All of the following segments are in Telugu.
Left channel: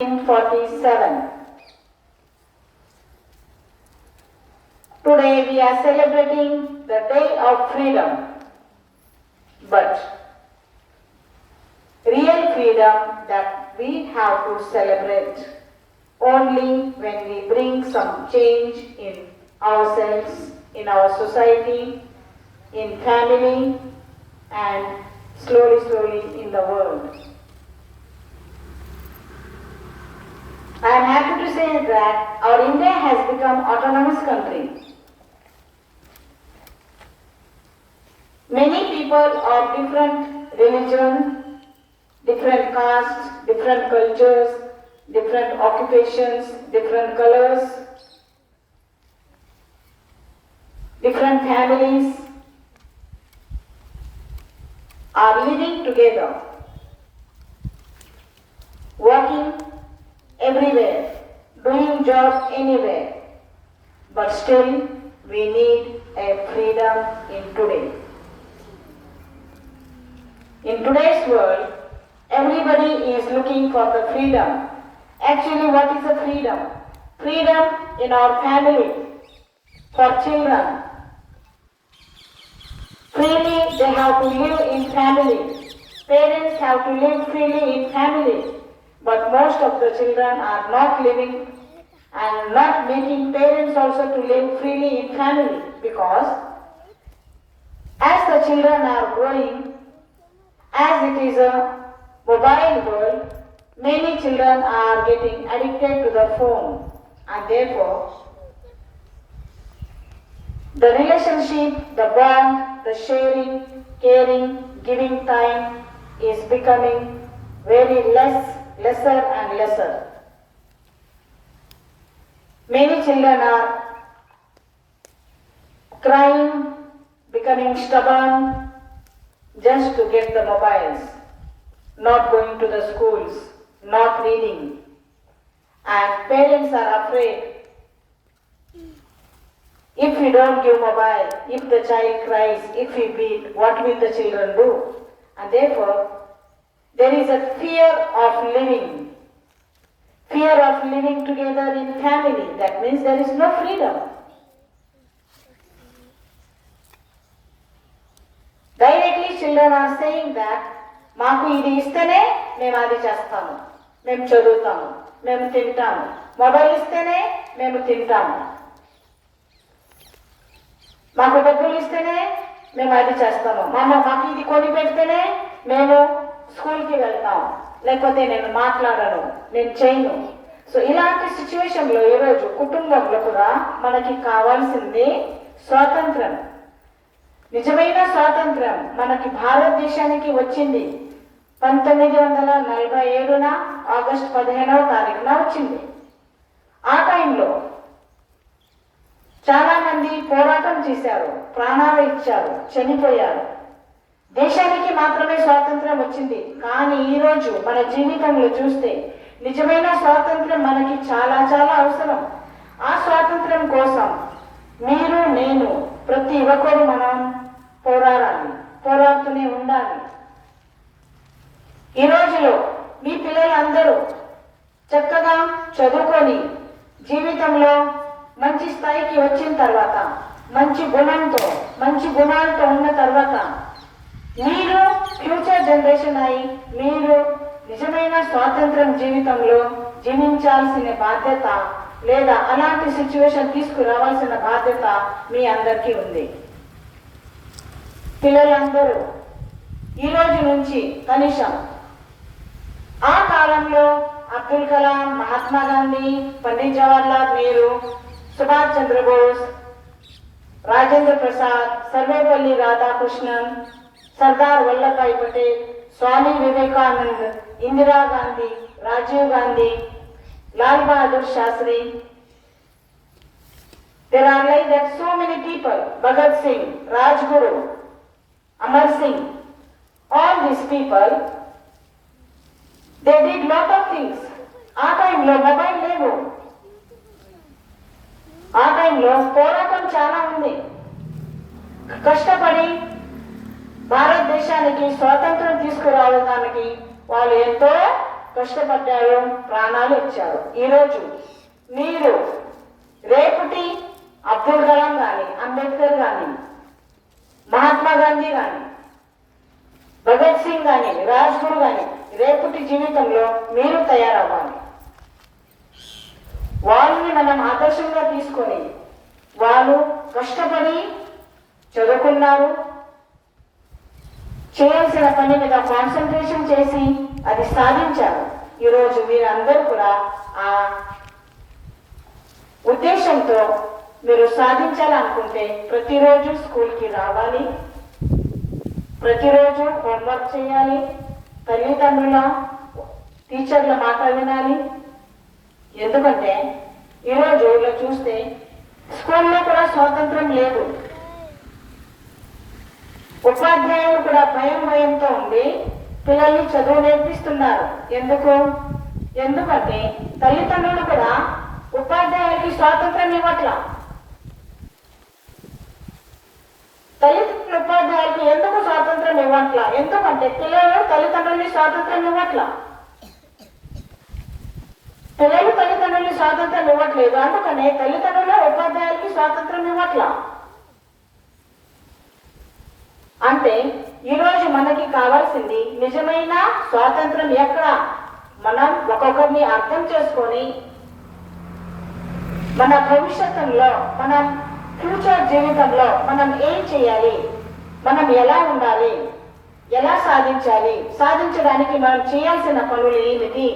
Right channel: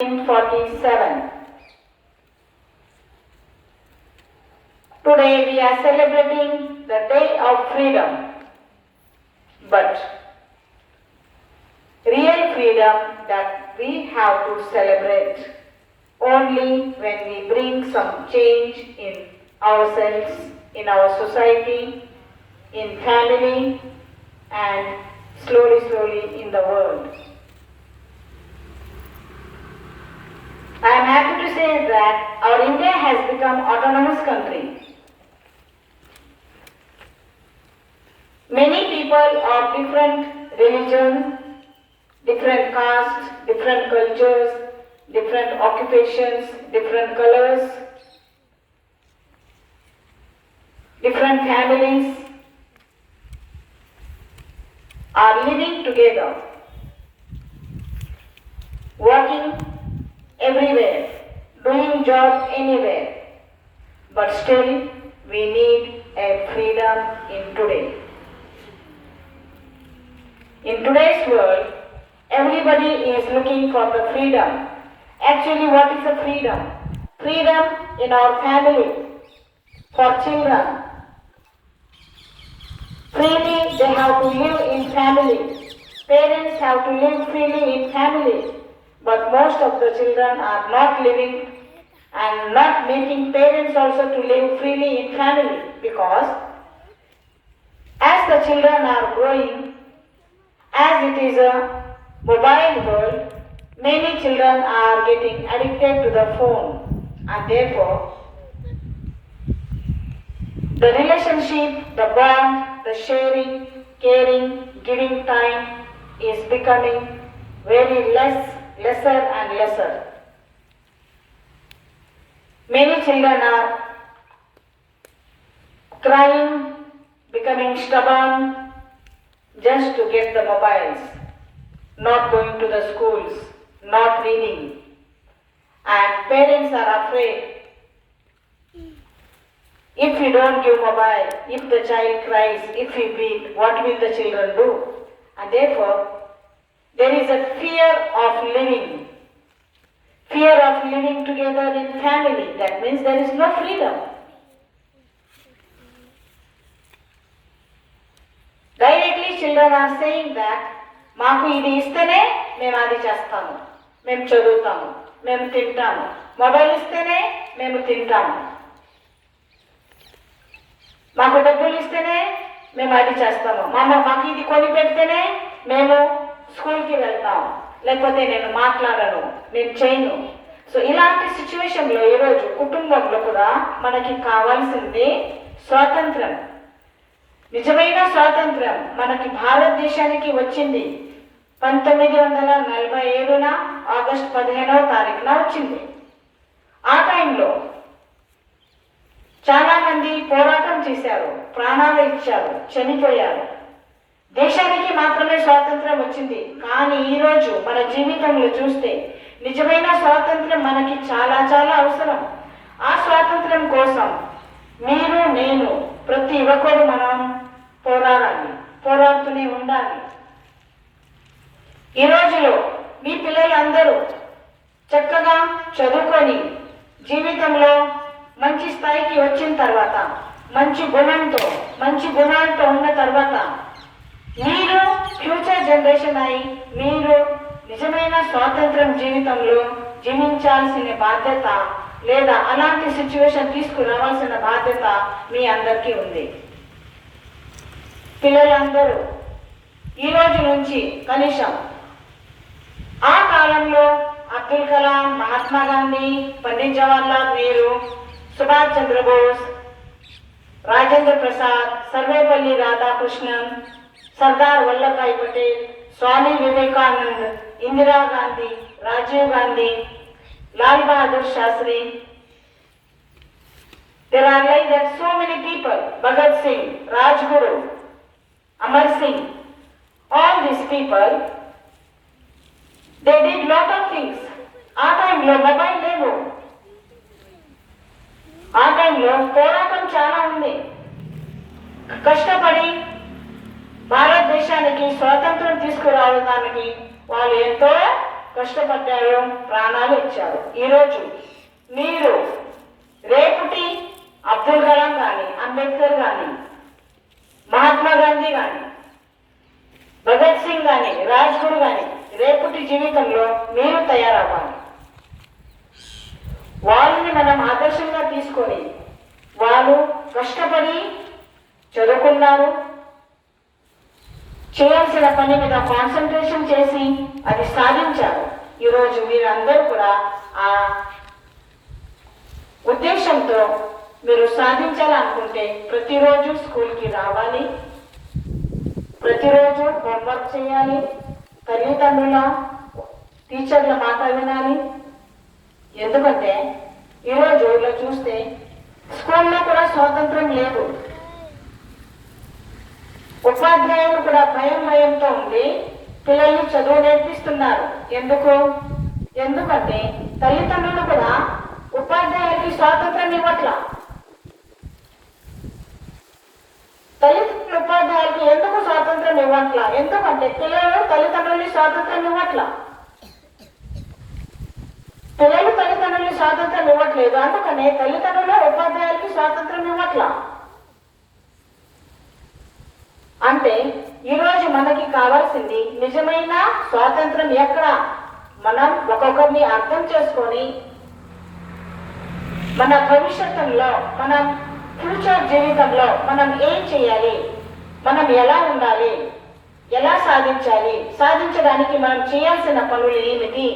1947. Today we are celebrating the Day of Freedom, but real freedom that we have to celebrate only when we bring some change in ourselves, in our society, in family, and slowly in the world. I am happy to say that our India has become autonomous country. Many people of different religion, different castes, different cultures, different occupations, different colors, different families are living together, working everywhere, doing job anywhere, but still we need a freedom in today. In today's world, everybody is looking for the freedom. Actually, what is the freedom? Freedom in our family, for children. Freely they have to live in family. Parents have to live freely in family. But most of the children are not living and not making parents also to live freely in family, because as the children are growing, as it is a mobile world, many children are getting addicted to the phone, and therefore the relationship, the bond, the sharing, caring, giving time is becoming very lesser and lesser. Many children are crying, becoming stubborn just to get the mobiles, not going to the schools, not reading. And parents are afraid, if we don't give mobile, if the child cries, if we beat, what will the children do? And therefore, there is a fear of living together in family. That means there is no freedom. Directly children are saying that, మాకు ఇది ఇస్తేనే మేము అది చేస్తాము, మేము చదువుతాము, మేము తింటాము, మొబైల్ ఇస్తేనే మేము తింటాము, మాకు డబ్బులు ఇస్తేనే మేము అది చేస్తాము, మాకు ఇది కొని పెడితేనే మేము స్కూల్కి వెళ్తాం, లేకపోతే నేను మాట్లాడను, నేను చేయను. సో ఇలాంటి సిచ్యువేషన్లో ఈరోజు కుటుంబంలో కూడా మనకి కావాల్సింది స్వాతంత్రం. నిజమైన స్వాతంత్రం మనకి భారతదేశానికి వచ్చింది 1947 ఆగస్టు 15 వచ్చింది. ఆ టైంలో చాలా మంది పోరాటం చేశారు, ప్రాణాలు ఇచ్చారు, చనిపోయారు. దేశానికి మాత్రమే స్వాతంత్రం వచ్చింది. కానీ ఈరోజు మన జీవితంలో చూస్తే నిజమైన స్వాతంత్రం మనకి చాలా అవసరం. ఆ స్వాతంత్రం కోసం మీరు, నేను, ప్రతి ఒక్కరు మనం పోరాడాలి, పోరాడుతూనే ఉండాలి. ఈ రోజులో మీ పిల్లలందరూ చక్కగా చదువుకొని జీవితంలో మంచి స్థాయికి వచ్చిన తర్వాత, మంచి గుణాలతో ఉన్న తర్వాత, మీరు ఫ్యూచర్ జనరేషన్ అయి మీరు నిజమైన స్వాతంత్రం జీవితంలో జీవించాల్సిన బాధ్యత, లేదా అలాంటి సిచ్యువేషన్ తీసుకురావాల్సిన బాధ్యత మీ అందరికీ ఉంది. పిల్లలందరూ ఈ రోజు నుంచి కనీసం ఆ కాలంలో అబ్దుల్ కలాం, మహాత్మా గాంధీ, పండిత్ జవహర్లాల్ నెహ్రూ, సుభాష్ చంద్రబోస్, రాజేంద్ర ప్రసాద్, సర్వేపల్లి రాధాకృష్ణన్, సర్దార్ వల్లభాయ్ పటేల్, స్వామి Vivekanand, Indira Gandhi, Rajiv Gandhi, Lal Bahadur Sastry. There are like that so many people, Bhagat Singh, Rajguru, Amar Singh, all these people, they did lot of things. ఆ టైంలో మొబైల్ లేవు, ఆ టైంలో పోరాటం చాలా ఉంది. కష్టపడి భారతదేశానికి స్వాతంత్రం తీసుకురావడానికి వాళ్ళు ఎంతో కష్టపడ్డారు, ప్రాణాలు ఇచ్చారు. ఈరోజు మీరు రేపుటి అబ్దుల్ కలాం కానీ, అంబేద్కర్ కానీ, మహాత్మా గాంధీ కానీ, భగత్ సింగ్ కానీ, రాజ్గురు కానీ రేపుటి జీవితంలో మీరు తయారవ్వాలి. వాళ్ళని మనం ఆదర్శంగా తీసుకొని వాళ్ళు కష్టపడి చదువుకున్నారు, చేయాల్సిన పని మీద కాన్సన్ట్రేషన్ చేసి అది సాధించారు. ఈరోజు మీరందరూ కూడా ఆ ఉద్దేశంతో మీరు సాధించాలనుకుంటే ప్రతిరోజు స్కూల్కి రావాలి, ప్రతిరోజు హోంవర్క్ చేయాలి, తల్లిదండ్రుల టీచర్ల మాట వినాలి. ఎందుకంటే ఈరోజు ఇలా చూస్తే స్కూల్లో కూడా స్వాతంత్రం లేదు. ఉపాధ్యాయులు కూడా భయంతో ఉండి పిల్లల్ని చదువు నేర్పిస్తున్నారు. ఎందుకంటే తల్లిదండ్రులు కూడా ఉపాధ్యాయులకి స్వాతంత్రం ఇవ్వట్ల. తల్లిదండ్రులు ఉపాధ్యాయులకి ఎందుకు స్వాతంత్రం ఇవ్వట్ల? ఎందుకంటే పిల్లలు తల్లిదండ్రులని స్వాతంత్రం ఇవ్వట్ల. పిల్లలు తల్లిదండ్రులని స్వాతంత్రం ఇవ్వట్లేదు, అందుకనే తల్లిదండ్రులు ఉపాధ్యాయులకి స్వాతంత్రం ఇవ్వట్ల. అంటే ఈరోజు మనకి కావాల్సింది నిజమైన స్వాతంత్రం ఎక్కడ? మనం ఒక్కొక్కరిని అర్థం చేసుకొని మన భవిష్యత్తులో, మన ఫ్యూచర్ జీవితంలో మనం ఏం చేయాలి, మనం ఎలా ఉండాలి, ఎలా సాధించాలి, సాధించడానికి మనం చేయాల్సిన పనులు ఏమిటి,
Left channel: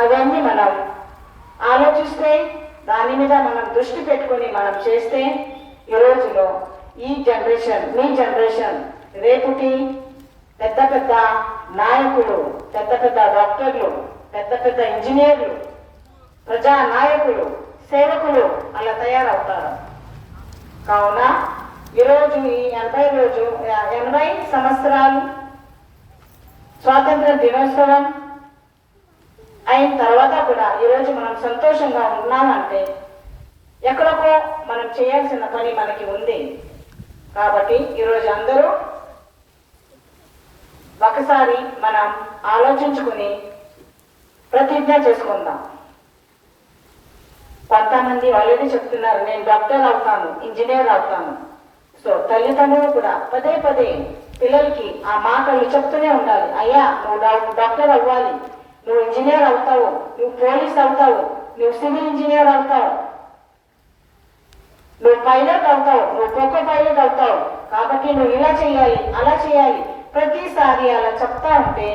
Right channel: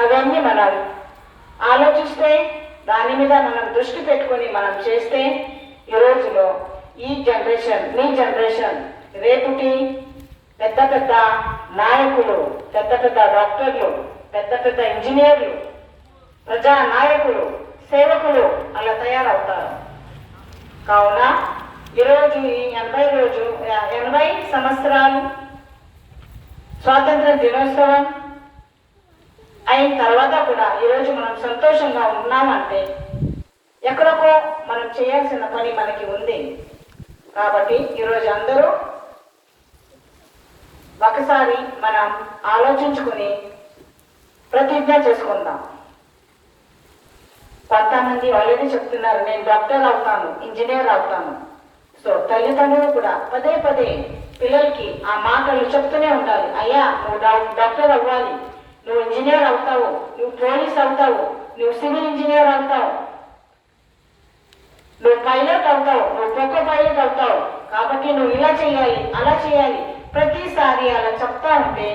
అవన్నీ మనం ఆలోచిస్తే, దాని మీద మనం దృష్టి పెట్టుకొని మనం చేస్తే ఈ రోజులో ఈ జనరేషన్, మీ జనరేషన్ రేపుటి పెద్ద పెద్ద నాయకులు, పెద్ద పెద్ద డాక్టర్లు, పెద్ద పెద్ద ఇంజనీర్లు, ప్రజా నాయకులు, సేవకులు అలా తయారవుతారు. కావున ఈరోజు ఈ 80 సంవత్సరాలు స్వాతంత్ర దినోత్సవం అయిన తర్వాత కూడా ఈరోజు మనం సంతోషంగా ఉన్నామంటే ఎక్కడికో మనం చేయాల్సిన పని మనకి ఉంది. కాబట్టి ఈరోజు అందరూ ఒకసారి మనం ఆలోచించుకుని ప్రతిజ్ఞ చేసుకుందాం. కొంతమంది ఆల్రెడీ చెప్తున్నారు, నేను డాక్టర్ అవుతాను, ఇంజనీర్ అవుతాను. సో తల్లిదండ్రులు కూడా పదే పిల్లలకి ఆ మాటలు చెప్తూనే ఉండాలి. అయ్యా, నువ్వు డాక్టర్ అవ్వాలి, నువ్వు ఇంజనీర్ అవుతావు, నువ్వు పోలీస్ అవుతావు, నువ్వు సివిల్ ఇంజనీర్ అవుతావు, నువ్వు పైలట్ అవుతావు, నువ్వు కోకో పైలట్ అవుతావు. కాబట్టి నువ్వు ఇలా చేయాలి, అలా చేయాలి. ప్రతిసారి అలా చెప్తా ఉంటే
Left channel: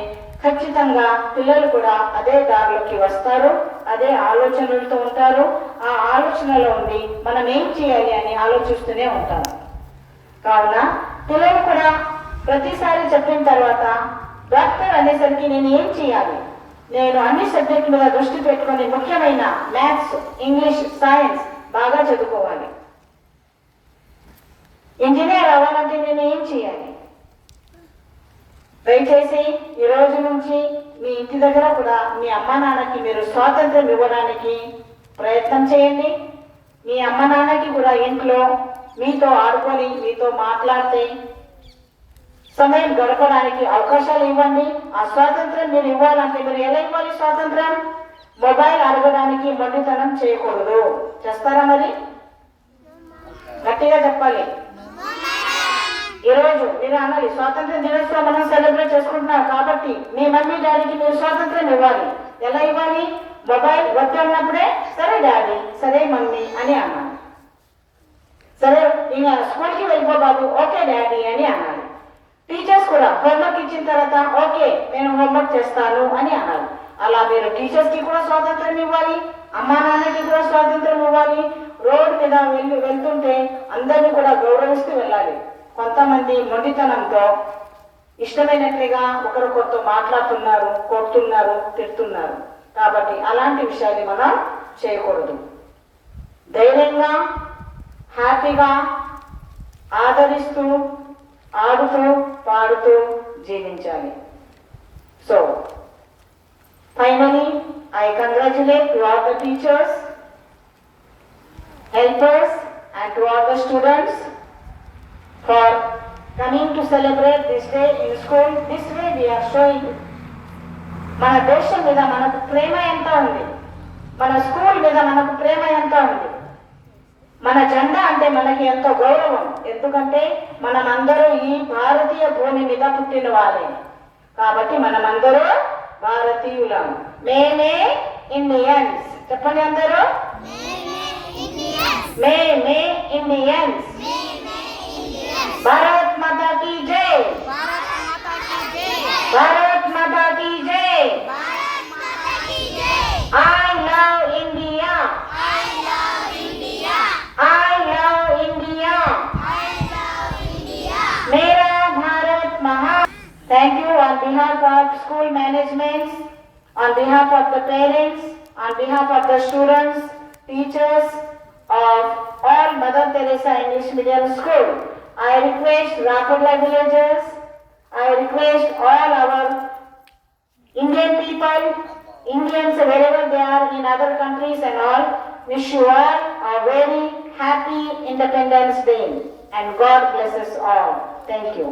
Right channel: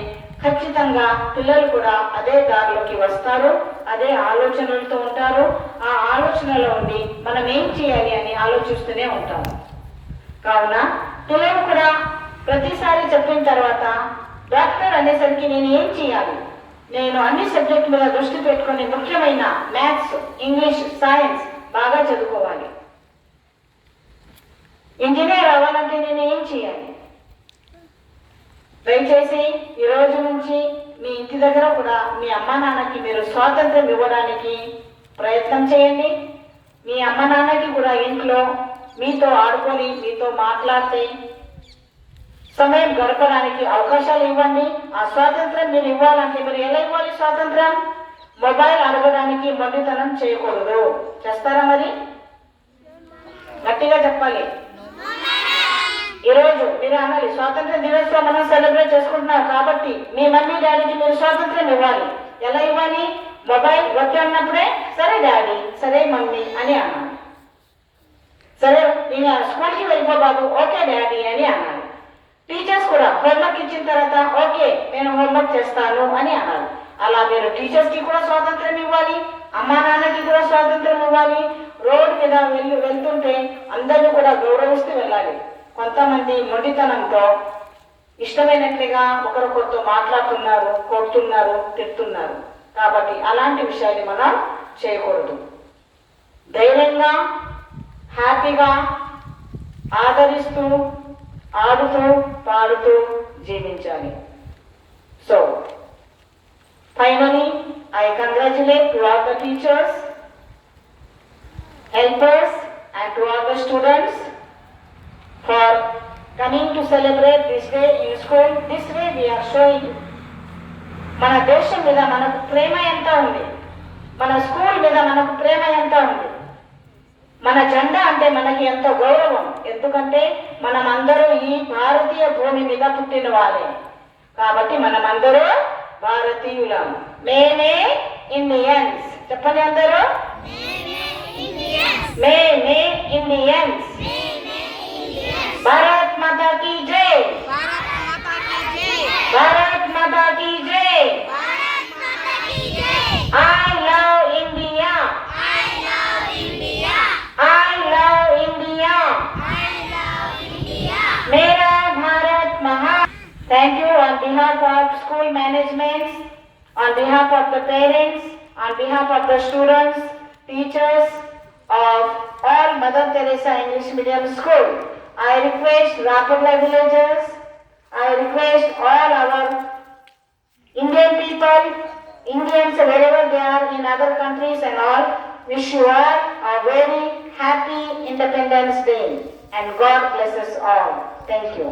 ఖచ్చితంగా పిల్లలు కూడా అదే దారిలోకి వస్తారు, అదే ఆలోచనలతో ఉంటారు. ఆ ఆలోచనలో ఉండి మనం ఏం చేయాలి అని ఆలోచిస్తూనే ఉంటాము. కావున పిల్లలు కూడా ప్రతిసారి చెప్పిన తర్వాత డాక్టర్ అనేసరికి నేను ఏం చేయాలి, నేను అన్ని సబ్జెక్ట్ మీద దృష్టి పెట్టుకొని ముఖ్యమైన మ్యాథ్స్, ఇంగ్లీష్, సైన్స్ బాగా చదువుకోవాలి. ఇంజనీర్ అవ్వాలంటే నేను ఏం చేయాలి? దయచేసి ఈ రోజు నుంచి మీ ఇంటి దగ్గర కూడా మీ అమ్మ నాన్నకి మీరు స్వాతంత్రం ఇవ్వడానికి ప్రయత్నం చేయండి. మీ అమ్మ నాన్నకి కూడా ఇంట్లో మీతో ఆడుకొని, మీతో మాట్లాడితే సమయం గడపడానికి అవకాశాలు ఇవ్వండి. ఆ స్వాతంత్రం మీరు ఇవ్వాలంటే మీరు ఎలా ఇవ్వాలి? స్వాతంత్రం మొబైల్ అడగడానికి మొండితనం చేయకూడదు. చేస్తారా? మరి గట్టిగా చెప్పాలి. ఈరోజు మీరు అనాలి, స్వాతంత్ర దినోత్సవం మనం సెలబ్రేట్ చేసుకుంటున్నాం కాబట్టి మీ మమ్మీ డాడీకి మీరు స్వాతంత్రం ఇవ్వాలి. ఎలా ఇవ్వాలి? మొబైల్ వద్దు అన్నప్పుడే సరే డాడీ, సరే మమ్మీ అని అన్నాను. సరే నేను స్కూల్కి వెళ్ళిపో బాబు, ఓకే డాడీ అని అన్నాను. టీచర్స్ కూడా హోంవర్క్ ఇచ్చిన తర్వాత ఓకే నేను హోంవర్క్ చేస్తాను అని అన్నారు. అలా మీరు టీచర్స్కి కూడా స్వాతంత్రం ఇవ్వాలి, అమ్మా నాన్నకి కూడా స్వాతంత్రం ఇవ్వాలి. రోడ్డు మీద వెళ్తుంటే అందరినీ కూడా గౌరవిస్తూ వెళ్ళాలి. కొంతమంది మొండితనంతో ఇష్టమైనట్లుగా ఒకరికొకరితో మాట్లాడుతున్నారు, కొడుతున్నారు, తిడుతున్నారు. కాబట్టి అలాంటి విషయాన్ని మనం చేయకూడదు. ధైర్యంగా, హ్యాపీగా, ఆదరిస్తూ, ఆడుతూ, పాడుతూ జీవించాలి. So finally, I congratulate to all the teachers, helpers and to all the students for coming to celebrate this day in school. This way we are showing మన దేశం మీద మనకు ప్రేమ ఎంత ఉంది, మన స్కూల్ మీద మనకు ప్రేమ ఎంత ఉంది, మన జెండా అంటే మనకి ఎంతో గౌరవం. ఎందుకంటే మనమందరూ ఈ భారతీయ భూమి మీద పుట్టిన వాళ్ళే కాబట్టి మనమందరూ భారతీయులం. మేమే ఇండియన్స్. చెప్పండి అందరూ, మేమే ఇండియన్స్. భారత్ మాతా కీ జై, భారత్ మాతా కీ జై. I love India. I love India. I love India. I love India. Mera Bharat Mahan. Thank you on behalf of school management, on behalf of the parents, on behalf of the students, teachers of all Mother Teresa English Medium School. I request Rapurla villagers, I request all our Indian people, Indians wherever they are in other countries and all, wish you all a very happy Independence Day and God bless us all. Thank you.